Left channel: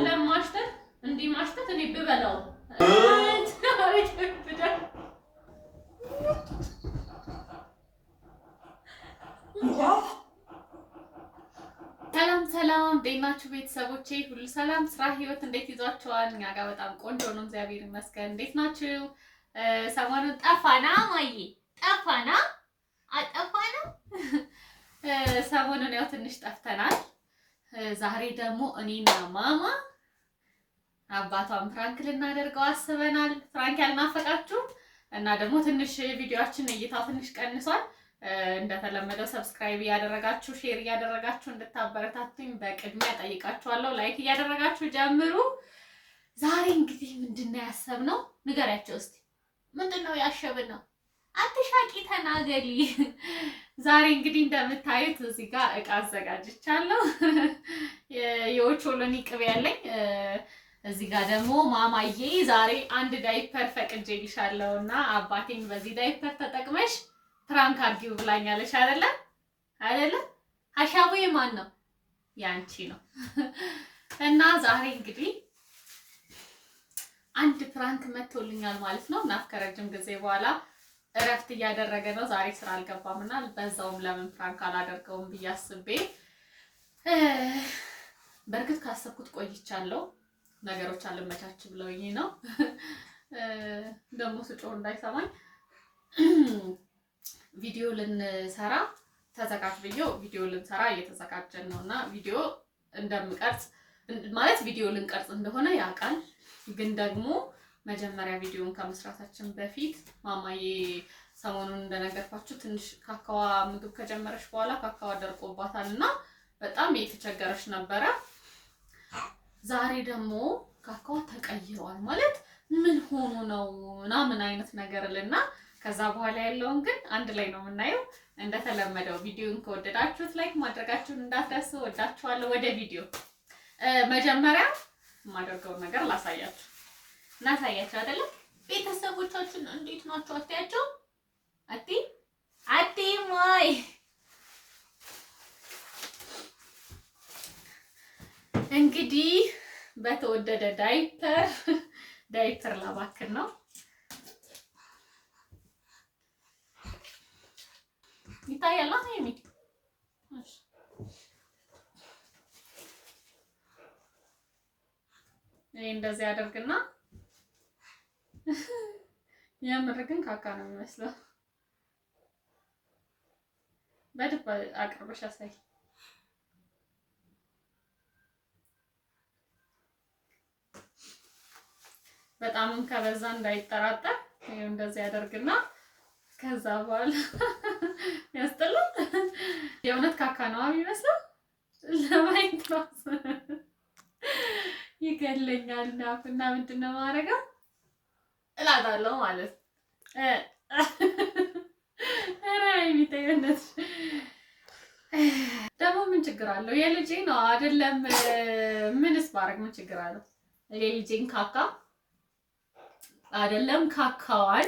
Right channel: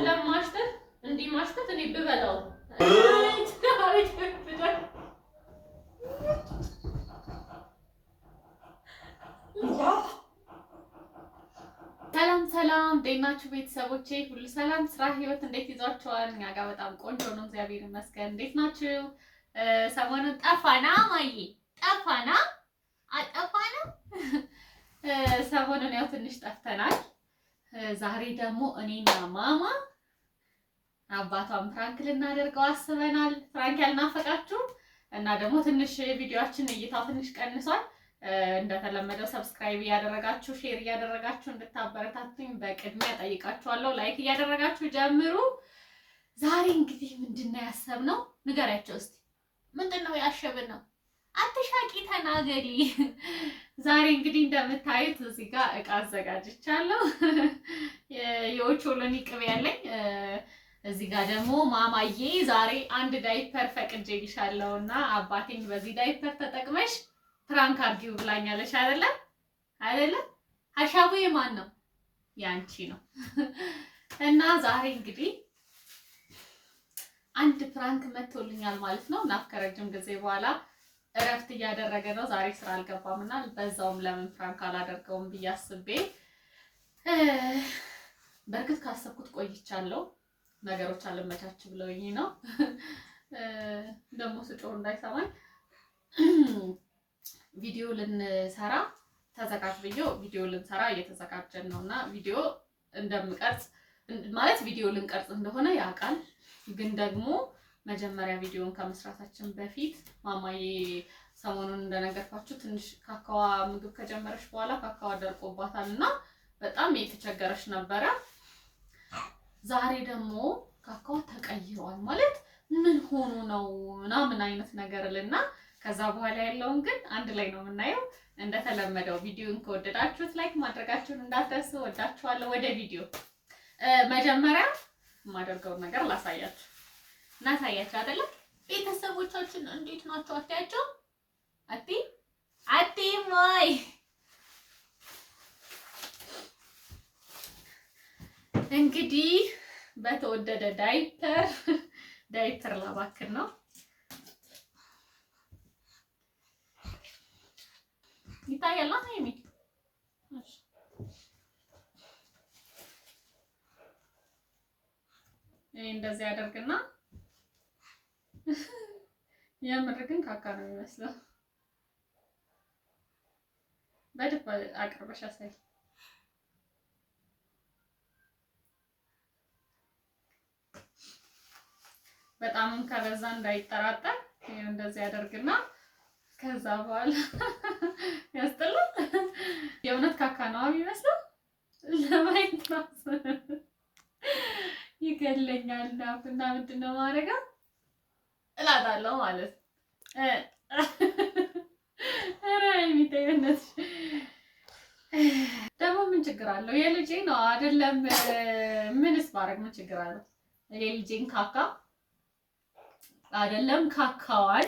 አይደለም ማሽተት እንዲህ ማሽተት እኔ ብበላው ሰላም እንዴት ናችሁ ቤተሰቦቼ? ሁሉ ሰላም፣ ስራ፣ ህይወት እንዴት ይዟችኋል? እኛ ጋር በጣም ቆንጆ ነው፣ እግዚአብሔር ይመስገን። እንዴት ናችሁ? ሰሞኑን ጠፋና ማዬ ጠፋና አጠፋና ሰሞኑን ያው ትንሽ ጠፍተናል። ዛሬ ደግሞ እኔና ማማ አባቷን ፍራንክ ልናደርገው አስበናል። ፍራንክ ያልናፈቃችሁ እና ደግሞ ትንሽ ቪዲዮአችን እይታው ትንሽ ቀንሷል። እንደተለመደው ሰብስክራይብ እያደረጋችሁ ሼር እያደረጋችሁ እንድታበረታቱኝ በቅድሚያ ጠይቃችኋለሁ። ላይክ እያደረጋችሁ ጀምሩ። ዛሬ እንግዲህ ምንድነው ያሰብነው? ንገሪያቸው እስቲ። ምንድነው ያሸብነው? አትሻቂ ተናገሪ። ዛሬ እንግዲህ እንደምታዩት እዚህ ጋር እቃ አዘጋጅቻለሁ። የኦቾሎኒ ቅቤ ያለኝ እዚህ ጋር ደግሞ ማማዬ ዛሬ አንድ ዳይፐር ፈቅጄልሻለሁና አባቴን በዚህ ዳይፐር ተጠቅመሽ ፍራንክ አድርጊው ብላኛለሽ አይደለ? ሀሳቡ የማን ነው? ያንቺ ነው። እና ዛሬ እንግዲህ አንድ ፍራንክ መጥቶልኛል ማለት ነው። እና ከረጅም ጊዜ በኋላ እረፍት እያደረገ ነው። ዛሬ ስራ አልገባምና በዛውም ለምን ፍራንክ አላደርገውም ብዬ አስቤ በርግጥ ካሰብኩት ቆይቻለሁ። ነገሮች አልመቻች ብለውኝ ነው። ደግሞ ስጮህ እንዳይሰማኝ ቪዲዮ ልንሰራ ተዘጋጅ ቪዲዮ ልንሰራ እየተዘጋጀን ነውና ቪዲዮ እንደምቀርጽ ማለት ቪዲዮ ልንቀርጽ እንደሆነ ያውቃል። ግን ደግሞ መጀመሪያ ቪዲዮን ከመስራታችን በፊት ማማዬ ሰሞኑን እንደነገርኳችሁ ትንሽ ካካዋ ምግብ ከጀመረች በኋላ ካካዋ ደርቆባታልና በጣም እየተቸገረች ነበረ። ዛሬ ደግሞ ካካዋ ተቀይሯል ማለት ምን ሆኖ ነው ምናምን አይነት ነገርልና ከዛ በኋላ ያለውን ግን አንድ ላይ ነው የምናየው። እንደተለመደው ቪዲዮን ከወደዳችሁት ላይክ ማድረጋችሁን እንዳትረሱ። ወዳችኋለሁ። ወደ ቪዲዮ መጀመሪያ የማደርገውን ነገር ላሳያችሁ አይደለ? ቤተሰቦቻችን እንዴት ናቸው? አትያቸው አቲ ማይ እንግዲህ በተወደደ ዳይፐር ላባክን ነው። ይታያል አይሚ? እሺ እንደዚህ አደርግና የምር ግን ካካ ነው የሚመስለው። በደንብ አቅርበሽ አሳይ። በጣምም ከበዛ እንዳይጠራጠር እንደዚህ አደርግና ከዛ በኋላ ያስጠላል። የእውነት ካካ ነው የሚመስለው። ለማየት ነው ይገለኛል። እና ምንድነው ማድረገው እላታለሁ ማለት ኧረ የሚታየነት ደግሞ ምን ችግር አለው? የልጄ ነው አይደለም? ምንስ ባረግ ምን ችግር አለው? የልጄን ካካ አይደለም ካካዋል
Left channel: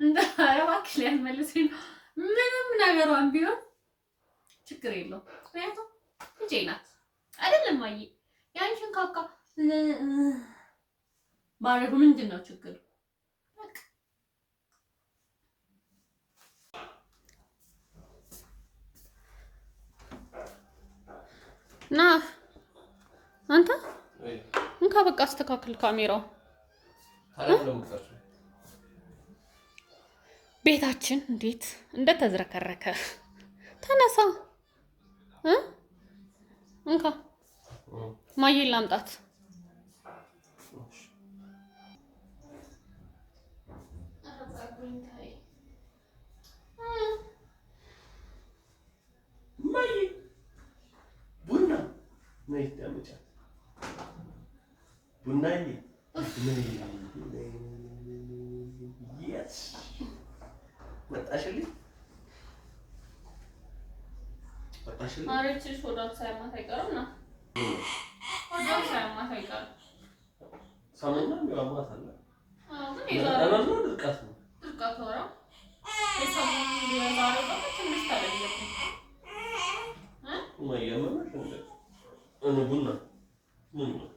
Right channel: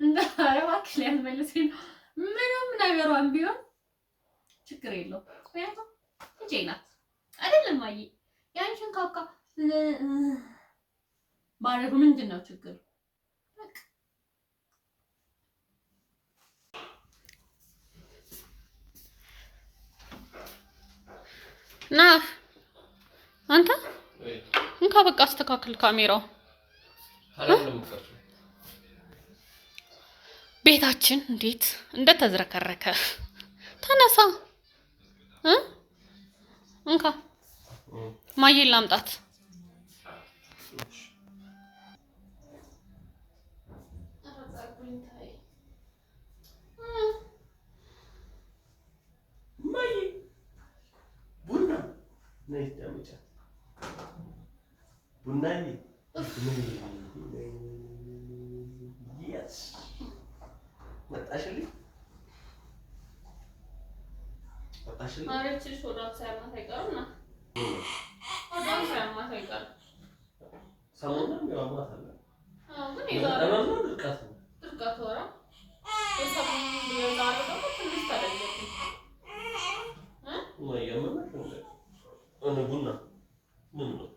እንዳረባክ ሊያስመልሰኝ ነው። ምንም ነገሯን ቢሆን ችግር የለው። ምክንያቱም ልጄ ናት አይደለም? አይ ያንቺን ካካ ባረጉ ምንድን ነው ችግሩ? ና አንተ እንካ በቃ አስተካክል ካሜራው። ቤታችን እንዴት እንደተዝረከረከ ተነሳ። እንካ ማየን ላምጣት። ማረችሽ ወዳው ሳይማታ አይቀርም ና ወዳው ሳይማታ አይቀርም። ሰሞኑን ያማታ አለ። ግን ይዛው ድርቀት ወራ ሰሞኑን የዛሬው ደግሞ ትንሽ ታደርገኝ ወይ የምመሽ እንደ ቡና ምን ነው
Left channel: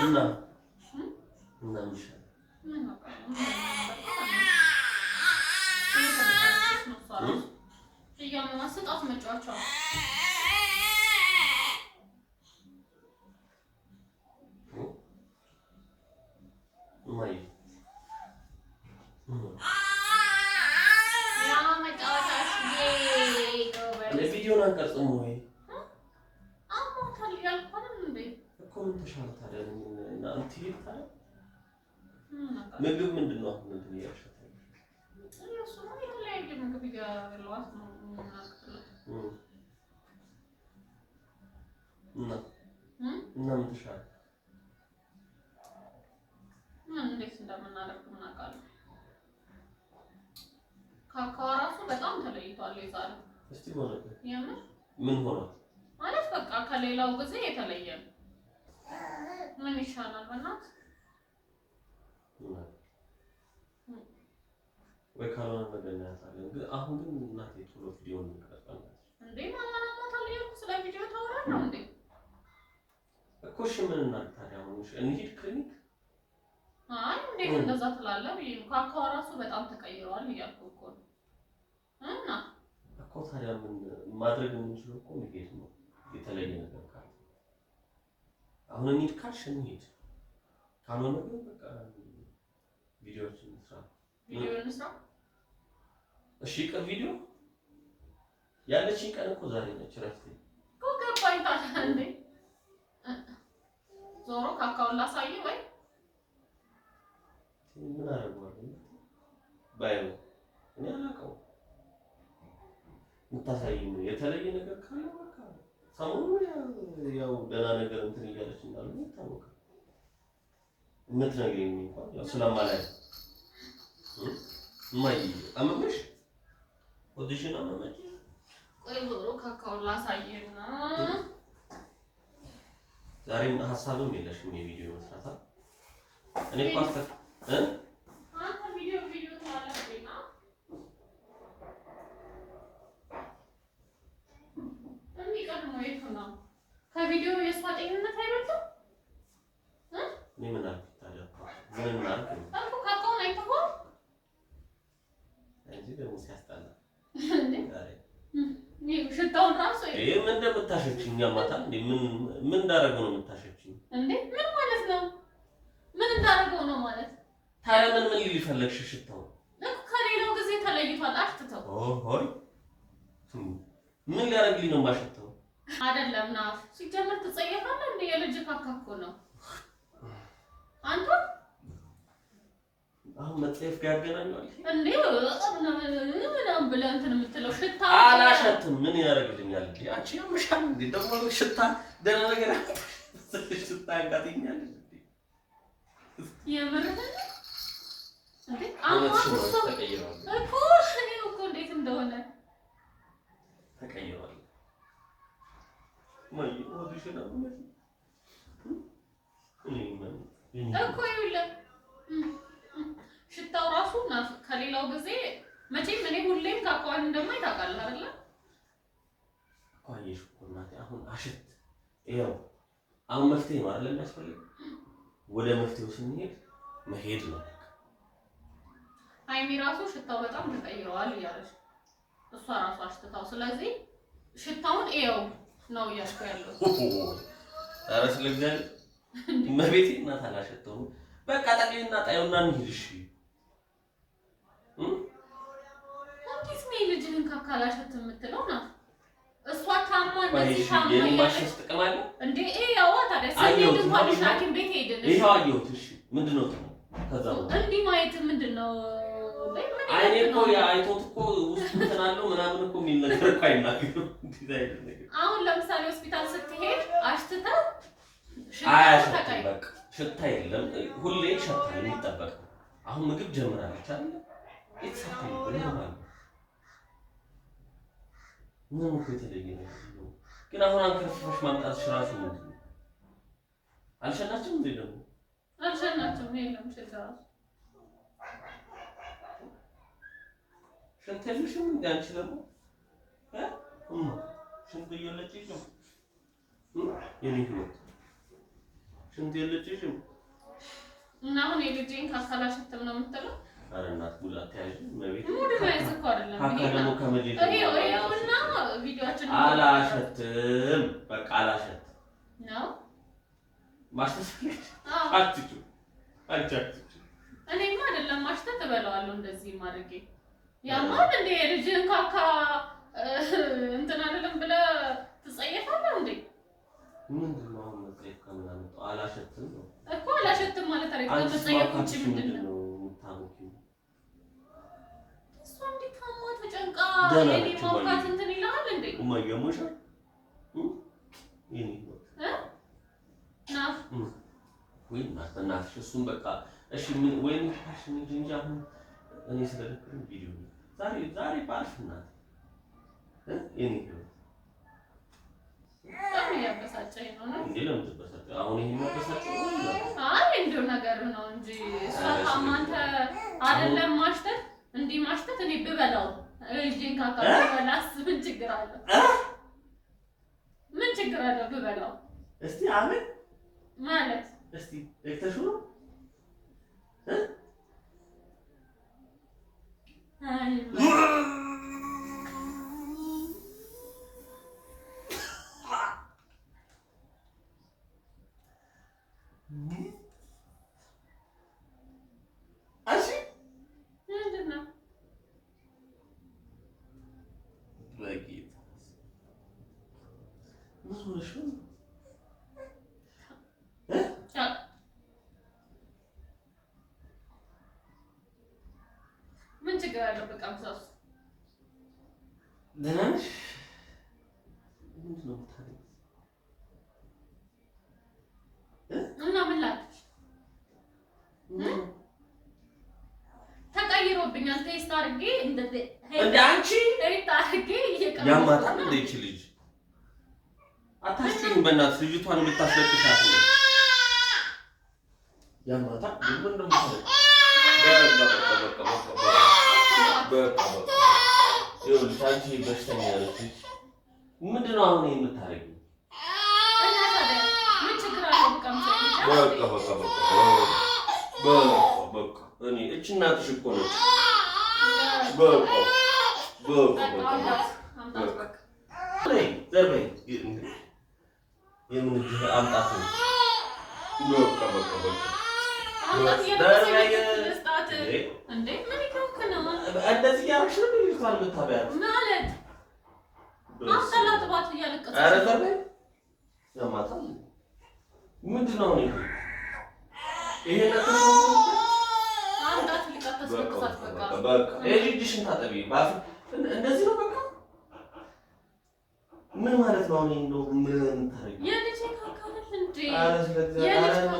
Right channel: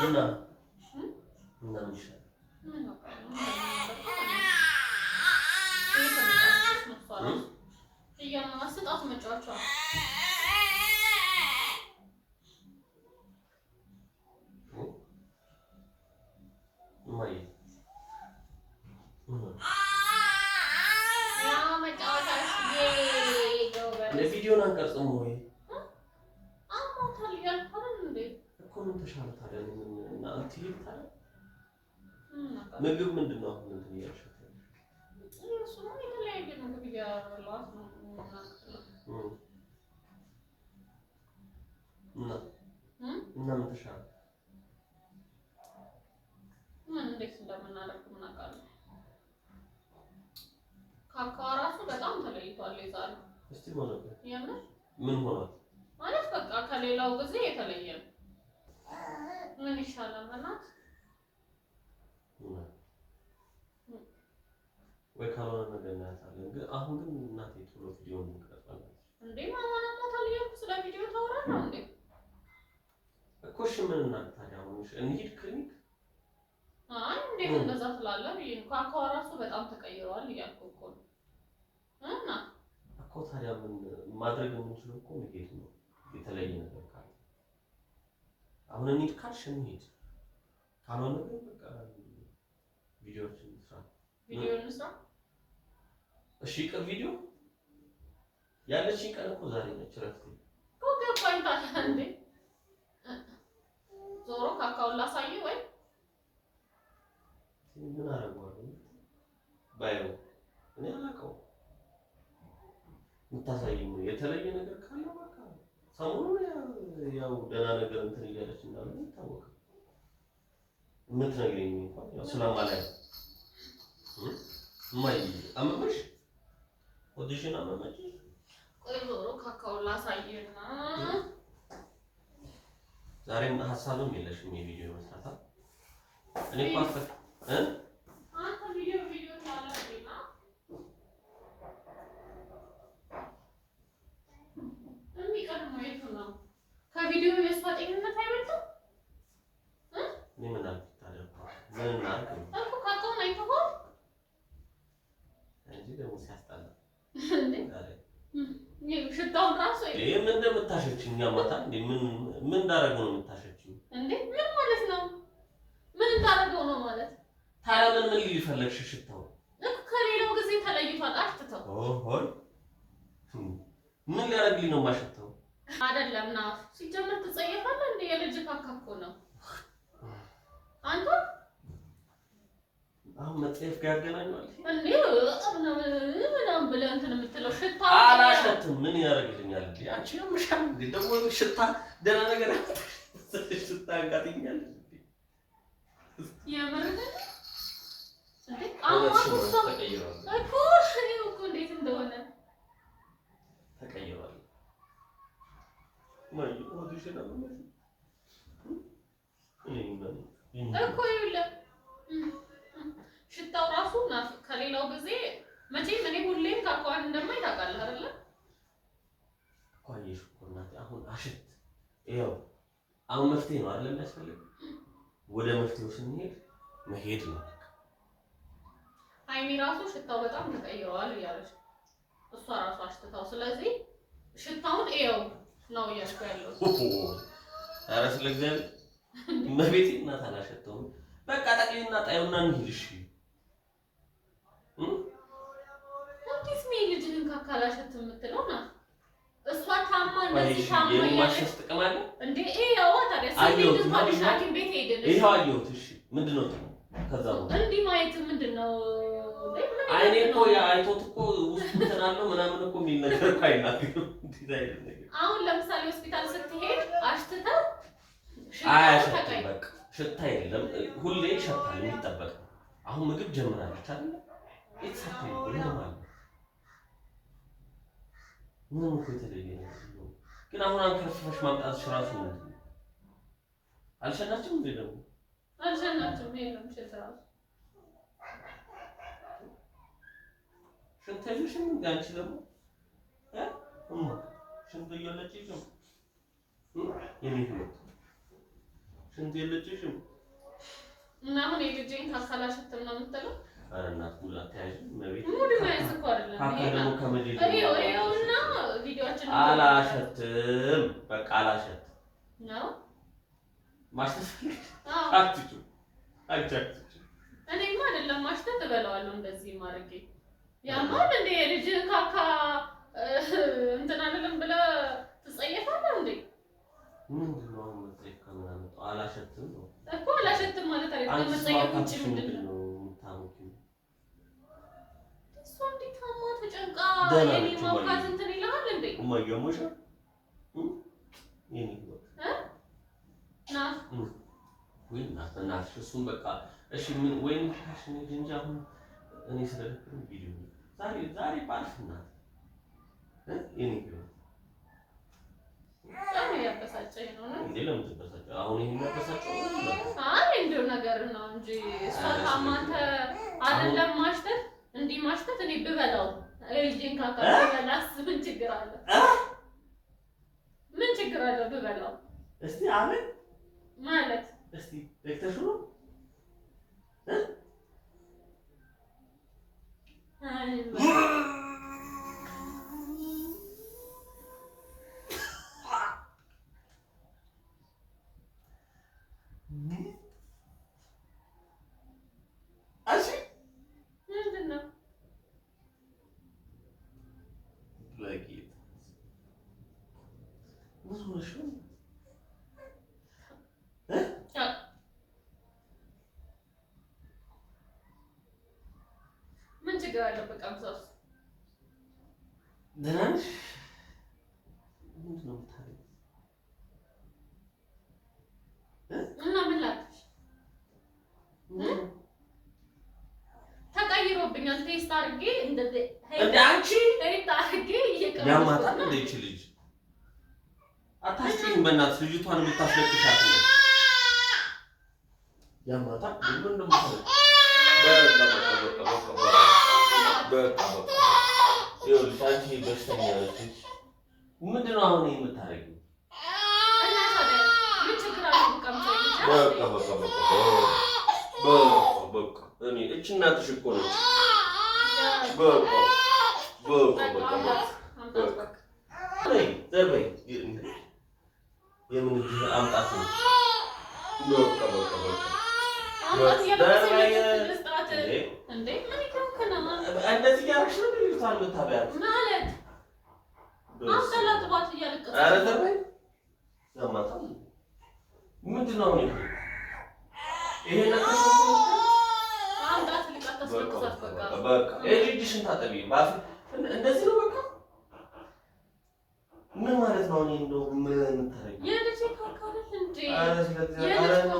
እና ምን ይሻላል? ምን ነው ስጣት መጫወቻ ማይ ለቪዲዮን አንቀርጽም ወይ አሞታል ያልኩት እንዴ እኮ ምን ተሻለ ታዲያ እና አንተ ይልታል ምግብ ምንድነው አሁን እንትን ያልሽው እሱ ነው የተለያየ ምግብ ያለው እና ምን ተሻለ ምን እንዴት እንደምናደርግ ምን አውቃለሁ ካካው ራሱ በጣም ተለይቷል ይዛል እስቲ ሆነ የምር ምን ሆነ ማለት በቃ ከሌላው ጊዜ የተለየ ምን ይሻላል በእናት ወይ ካልሆነ መገናኛታለን ግን አሁን ግን እናቴ ቶሎ ቪዲዮ እንቀርጻለን እንዴ ማማና ማታል ያልኩ ስለ ቪዲዮ ታወራለህ እንዴ እኮ እሺ ምን እናድርግ ታዲያ አሁን እንሂድ ክሊኒክ አይ እንዴት እንደዛ ትላለህ ካካው ራሱ በጣም ተቀይሯል እያልኩ እኮ ነው እና እኮ ታዲያ ምን ማድረግ የምንችለው እኮ መሄድ ነው የተለየ ነገር ካለ አሁን እንሂድ ካልሽ እንሂድ ካልሆነ ግን በቃ ቪዲዮዎችን እንስራ እሺ ቀን ቪዲዮ ያለችኝ ቀን እኮ ዛሬ ነች ረፍት እኮ ገባኝ ታዲያ እንዴ ዞሮ ካካውን ላሳይ ወይ ምን አደርገዋለሁ ባይው እኔ አላውቀውም የምታሳይኝ የተለየ ነገር ካለ በቃ ሰሞኑን ያው ገና ነገር እንትን እያለች እንዳለ ይታወቃል የምትነግሪኝ እንኳን ያው ስለማላይ ማይ አመመሽ ወዲሽና አመመሽ ቆይ ዞሮ ካካውን ላሳይና ዛሬም ሀሳብም የለሽም የቪዲዮ መስራት እኔ ፓስታ አንተ ቪዲዮ ታያለህ ነው የሚቀርም ወይቱ ነው ከቪዲዮ የሷ ጤንነት አይበልጥም እኔ ምን አልኩ ታዲያ ምን አልኩ እኮ ካካውን አይተኸው እንጂ ደግሞ ሲያስጠላ እንዴ ሽታውን ራሱ ምን እንደምታሸችኝ ያማታ እንዴ ምን እንዳደረገው ነው የምታሸችኝ እንዴ ምን ማለት ነው ምን እንዳደረገው ነው ማለት ታዲያ ምን ሊፈለግሽ ሽታው እኮ ከሌላው ጊዜ ተለይቷል አሽትተው ኦሆይ ምን ሊያደርግልኝ ነው ማሽተው አይደለም ና ሲጀመር ትጸየፋለህ እንዴ የልጅ ካካ እኮ ነው አንተ አሁን መጽሐፍ ጋር ያገናኛል እንዴ ምንም ብለህ እንትን የምትለው ሽታ አላሸትም ምን ያደርግልኛል እንዴ አንቺ ያምሻል እንዴ ደግሞ ሽታ ደህና ነገር ሽታ ያጋጥኛል እንዴ የምርህ እንዴ ተቀይሯል እኮ እንዴት እንደሆነ ተቀይሯል ማይ ወዲሽና ምን እኮ ይኸውልህ ሽታው ራሱ ከሌላው ጊዜ መቼም እኔ ሁሌም ካካዋን እንደማይ ታውቃለህ አይደለ? አየሽ እኮ እናቴ አሁን አሽት ይኸው አሁን መፍትሄ ነው አይደል የሚያስፈልግ ወደ መፍትሄው ስንሄድ መሄድ ነው ሃይሚ ራሱ ሽታው በጣም ተቀይሯል እያለች እሷ ራሱ አሽትታው ስለዚህ ሽታውን ይኸው ነው እያልኩ ያለው ኧረ ስለእግዚአብሔር መቤቴ እናት አላሸተውም በቃ ጠቅሌና ጣዩና እንሂድ እሺ እንዴት ነው ልጅህን ካካላሸት የምትለው ነው እሷ ታማ እንደዚህ ታማ የማሽስ ጥቅም አለ እንዴ ያው ታዲያ ሰይድ እንኳን ሐኪም ቤት ሄደን ይሄው አየሁት እሺ ምንድነው ከዛ ነው እንዲህ ማየት ምንድነው አይኔ እኮ አይቶት እኮ ውስጥ ተናለው ምናምን እኮ የሚል ነገር እኮ አይናገርም እንዴት አይነት ነገር አሁን ለምሳሌ ሆስፒታል ስትሄድ አሽትተህ አያሽትም በቃ ሽታ የለም ሁሌ ይሸታል የሚጠበቅ አሁን ምግብ ጀምራለች አይደል ኢትሳክሊ ኖርማል ምንም እኮ የተለየ ነገር ግን አሁን አንከርፍሽ ማምጣትሽ ራሱ ነው አልሸናችም እንዴ ደግሞ አልሸናችም የለም ሽታ ሽንተልሽም እንዴ አንቺ ደግሞ ሽንት እየለጭ ይችላል የኔ ህይወት ሽንት የለችሽም እና አሁን የልጄን ካካላሸትም ነው የምትለው? ኧረ እናት ሙላ ተያዥ መቤት ሙድ ነው እኮ አይደለም ካካ ደግሞ ከመጀመሪያ እና ቪዲዮአችን አላሸትም በቃ አላሸት ነው ማስተስፈልግ አትጩ አልቻት እኔማ አይደለም ማሽተት እበለዋለሁ እንደዚህ ማድረጌ ያማል እንደ የልጅን ካካ እንትን አይደለም ብለህ ትጸየፋለህ እንዴ? ምንድን ነው መጸየፍ ከማለት አላሸትም ነው እኮ አላሸትም ማለት አይደለም ከመጸየፍ ውጪ ምንድን ነው የምታመጪው? እሷ እንዴት ታማ ተጨንቃ የኔ ማውቃት እንትን ይላል እንዴ? እማየሞሽ የኔ ና ወይ እናትሽ እሱን በቃ እሺ ምን ወይም ታሽን እንጂ አሁን እኔ ስለደከመኝ ቪዲዮ ዛሬ ባልፍና የኔ ነው በጣም ያበሳጨኝ ነው ነው እንዴ ለምን ተበሳጨ? አሁን ይሄን ያበሳጨው ነው? አይ እንደው ነገር ነው እንጂ እሷ ታማንተ አይደለም ማሽተት እንዲህ ማሽተት እኔ ብበላው ልጄን ካካ ብበላስ ምን ችግር አለ? ምን ችግር አለ ብበላው? እስቲ አሜን ማለት እስቲ እክተሹ ነው አይ ምን ችግር አለው? በቃ ብዛው ደህናሽ ምንድን ነው የምታደርጊው? እና ምን ላድርግ? ተቀይሮብኛል። ቴስት አድርጌ እንደዚህ እንደ አንቺ ቴስት አድርጌ ያማታል እንደ ይቺ ልጅ አታስጪኝ በእናትሽ ልጅቷን የምታስለቅሻት ነው ያማታል ምን እንደምታደርግ በቃ ይኸውልሽ አንቺ በሽተኛ ነሽ ምንድን ነው አሁን የምታደርጊው እና ታዲያ ምን ችግር አለው በቃ እኔ እቺ እናትሽ እኮ ነች ዘርበይ የምን አምጣት ነው እንደዚህ ያረግሽ ነው ልጅቷን የምታበያት ማለት አምጣላት ባት እያለቀሰች ኧረ ዘርበይ ያማታል ምንድን ነው ይሄ ነገር አምጣት ልቃተስበቅሳት በቃ እጅሽን ታጠቢ እንደዚህ ነው በቃ ምን ማለት ነው እኔ እንደው ምን ታረጊ የልጅ ካካል እንዴ ኧረ ስለዚህ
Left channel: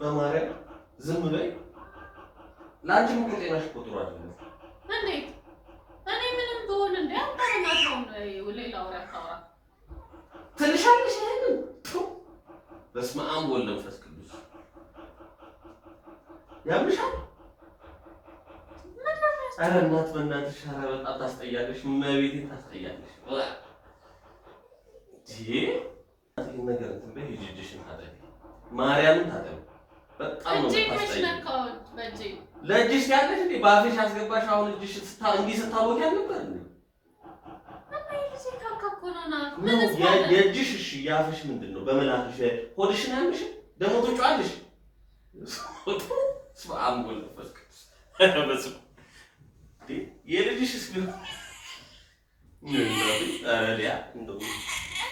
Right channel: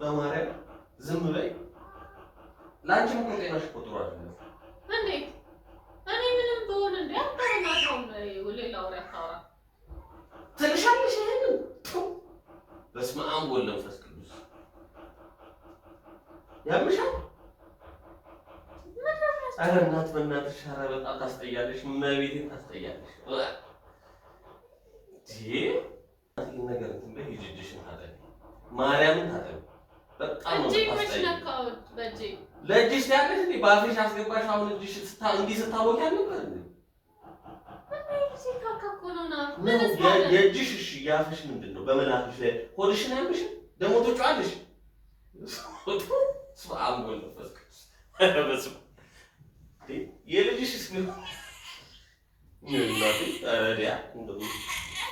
በማርያም ዝም በይ ላንቺም እኮ ጤናሽ እኮ ጥሩ አይደለም እንዴት እኔ ምንም ብሆን እንዴ አባናት ነው ሌላ ወሬ አታውራ ትልሻለሽ ይሄንን በስመ አብ ወወልድ ወመንፈስ ቅዱስ ያምሻል ኧረ እናት በእናትሽ ኧረ በጣም ታስጠያለሽ እመቤቴን ታስጠያለሽ ይሄ ነገር እንትን በይ እጅሽን ታጠቢ ማርያምን ታጠቢ በጣም ነው ታስጠያለሽ በእጄ ለእጅሽ ያለሽ እንዴ በአፍሽ አስገባሽ አሁን እጅሽ እንዲህ ስታወቂ አልነበር እንዴ የእጅሽ እሺ ያፍሽ ምንድን ነው በመላፍሽ ሆድሽን ያምሽ ደግሞ ትጮያለሽ ስማአም ወለፈስ የልጅሽ እስኪ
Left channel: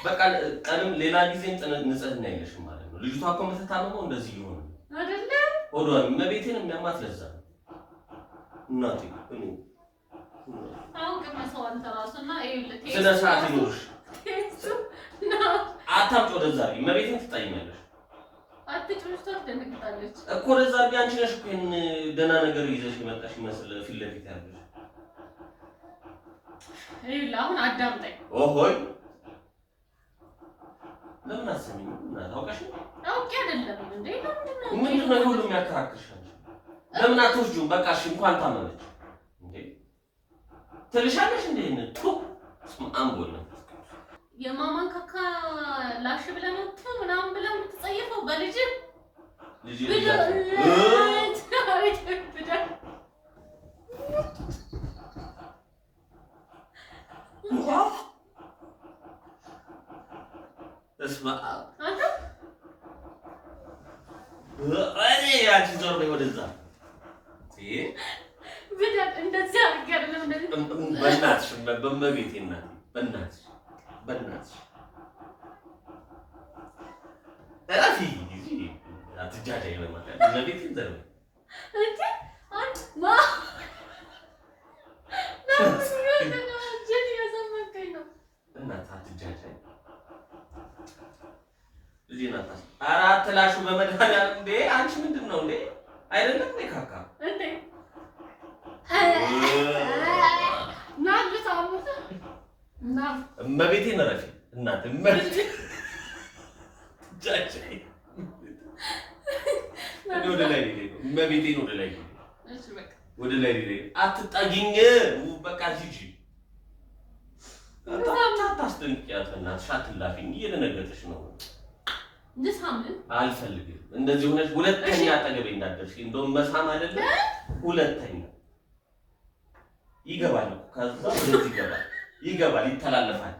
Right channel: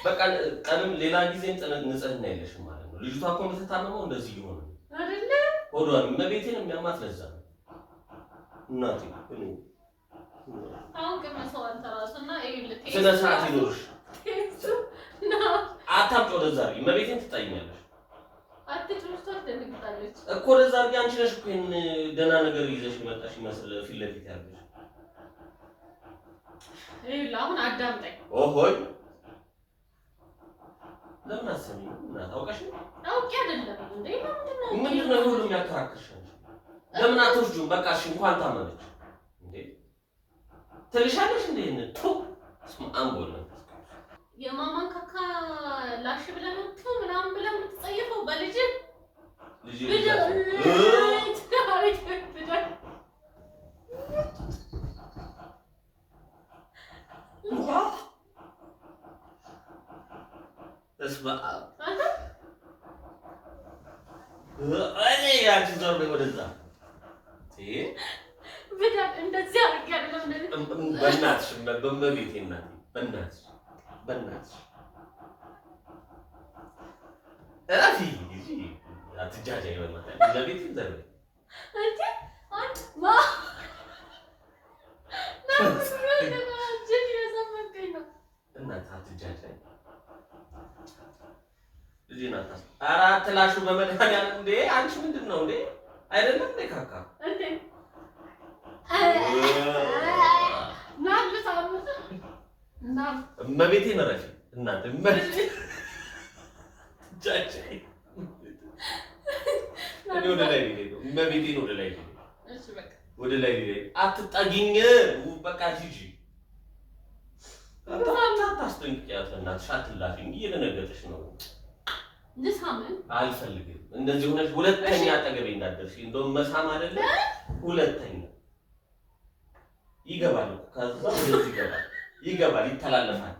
በቃ ቀንም ሌላ ጊዜም ንጽህና የለሽም ማለት ነው። ልጅቷ እኮ የምትታመመው እንደዚህ እየሆነ አይደለ? ሆዷን እመቤቴን የሚያማት ለዛ ነው። እናቴ አሁን ከመሰው አንተ ራስና ይኸውልህ ስነ ስርዓት ይኖርሽ አታምጪ ወደዛ እመቤቴን ትጣይኛለሽ። አትጭምሽቷ ትደነግጣለች እኮ ወደዛ አንቺ ነሽ እኮ ይሄን ደህና ነገር ይዘሽ የመጣሽ ይመስል ፊት ለፊት ያለሽ ይኸውልህ አሁን አዳምጠኝ። ኦሆይ ለምን አሰሚኝ እና ታውቀሽ አውቄ አይደለም እንዴ ምንድን ነው ሁሉ የሚያከራክርሽ ለምን አትወስጂውም በቃ እሺ እንኳን ታመመች እንዴ ትልሻለሽ እንዴ ነው ስማም ቦል ነው የማማን ካካ ተበላሽ ብለህ ነው ምናምን ብለህ የምትጸየፈው በልጅ ልጅ እስማ አንተ እኔ ያቺ ዞር በይ ወደዛ ብዳት እንደዚህ አድርጌ አይደለም እንደዚህ በእናትሽ በመቤቴ እናቴ በእናትሽ እራፊ አትጃጃይ በመጣ ለቤት ዘር እንዴ አንተ ማ ነው ጅል ያሰመከኝ ነው እናት አትጃጃይ ልጅ ናት አራት ላሹ በመድኃኒዓለም እንዴ አንቺ ምንድን ነው እንዴ አይደለም እንዴ ካካ እንዴ ናልታው ና እመቤቴ ነረፊ እናት እመቤቴ ጃጃይ ወደ ላይ ነው እመቤቴ ወደ ላይ ነው እሺ በቃ ወደ ላይ አትጣጊኝ በቃ ሂጂ አታስጠንቅቂያት እናትሽ አትላፊኝ እየደነገጥሽ ነው ልሳምን አልፈልግም እንደዚህ ሆነሽ ሁለተኛ አጠገቤ እንዳትደርሺ እንደውም መሳም አይደለም ሁለተኛ ይገባል እኮ ከዛ ወደዚህ ይገባል ይተላለፋል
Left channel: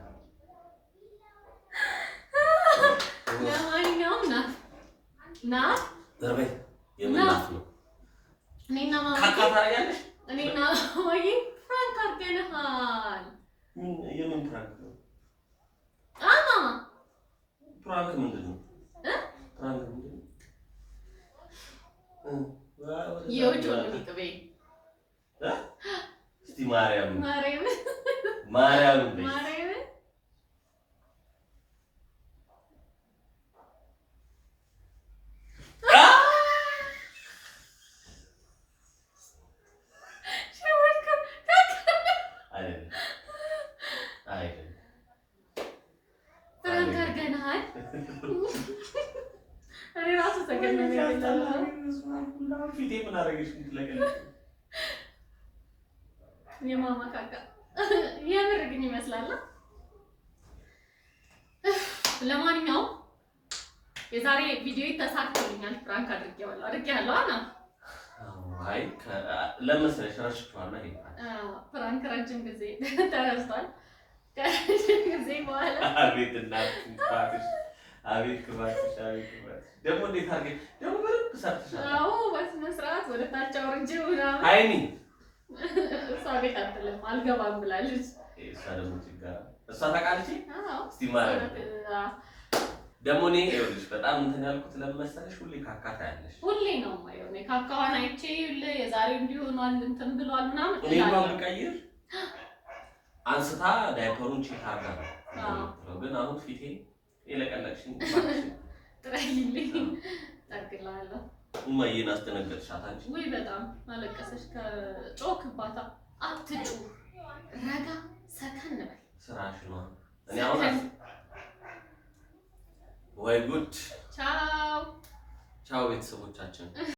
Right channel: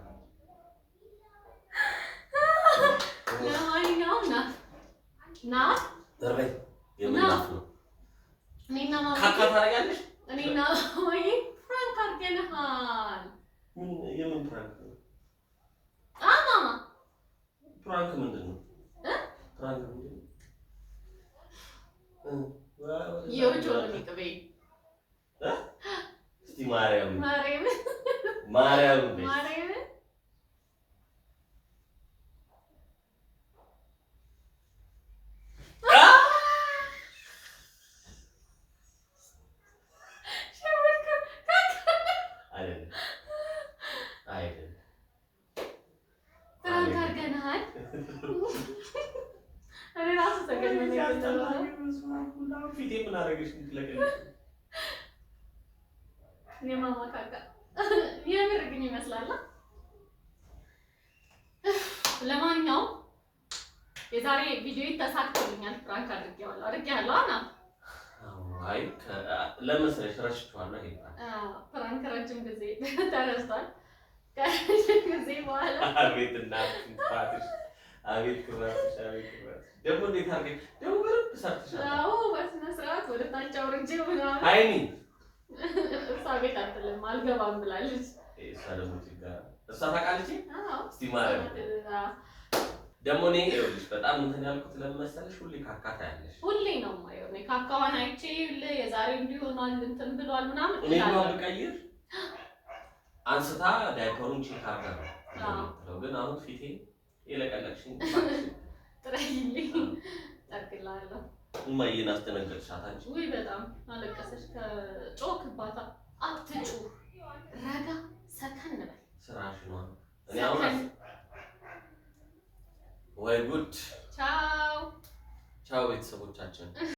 ለማንኛውም ና ዘርበይ የምናፍ ነው እኔና ማማ ካካ ታደርጊያለሽ እኔና ማማዬ ፍራንክ አድርገንሃል የምን ፕራንክ ነው ማማ ፕራንክ ምንድን ነው ፕራንክ ምንድን ነው የውጭውን ቅቤ እስቲ ማርያም ፍራንክ አድርገንሃል እኔ ራሱ ተገነነ ፊቴ ምን አደረገሽ የማማ ካካ የምር ግን ይመስላል። ለማንኛውም የዛሬ ቪዲዮ ተሳክቶልኛል። ፍራንክ አድርጌያለሁ አና አይ ለምንሰለሽ ረሽቷለሁ ይሄ ፍራንክ ረጅም ጊዜ ተረስቷል። ከረጅም ጊዜ በኋላ አቤት እናት እንፋትሽ አቤት ክባትሽ ደግሞ እንዴት አድርገሽ ደግሞ በደንብ ሰርተሻል። አዎ በስነ ስርዓት ወደ ታች አውርጄው ምናምን አይኒ እሷ ቤት አትልም አልገባም ብላለች። እሷ ደግሞ ችግር እሷ ታውቃለች። አዎ እስቲ ማለት ደግሞ እኔ ይኸውልሽ በጣም እንትን ያልኩት ለመሰለሽ ሁሌ ካካ ታያለሽ። ሁሌ ነው የማየው እኔ ካካዋን አይቼ የዛሬ እንዲሆኗል እንትን ብሏል ምናምን እኔ ነው ልቀይር አንስታ ዳይፐሩን ቼክ አድርጋ ነው ግን አሁን ፊቴ የለቀለቅሽኝ ጥረይልኝ ጠርግላለሁ። እማዬን አስደነገጥሻት አንቺ። ውይ በጣም አለቀሰሽ። ከጮክባታ አትጩ ረጋ ሰከን በል ስራሽ ነው። እኔ አሁን ወይ ጉድ። ቻው ቻው ቤተሰቦቻችን።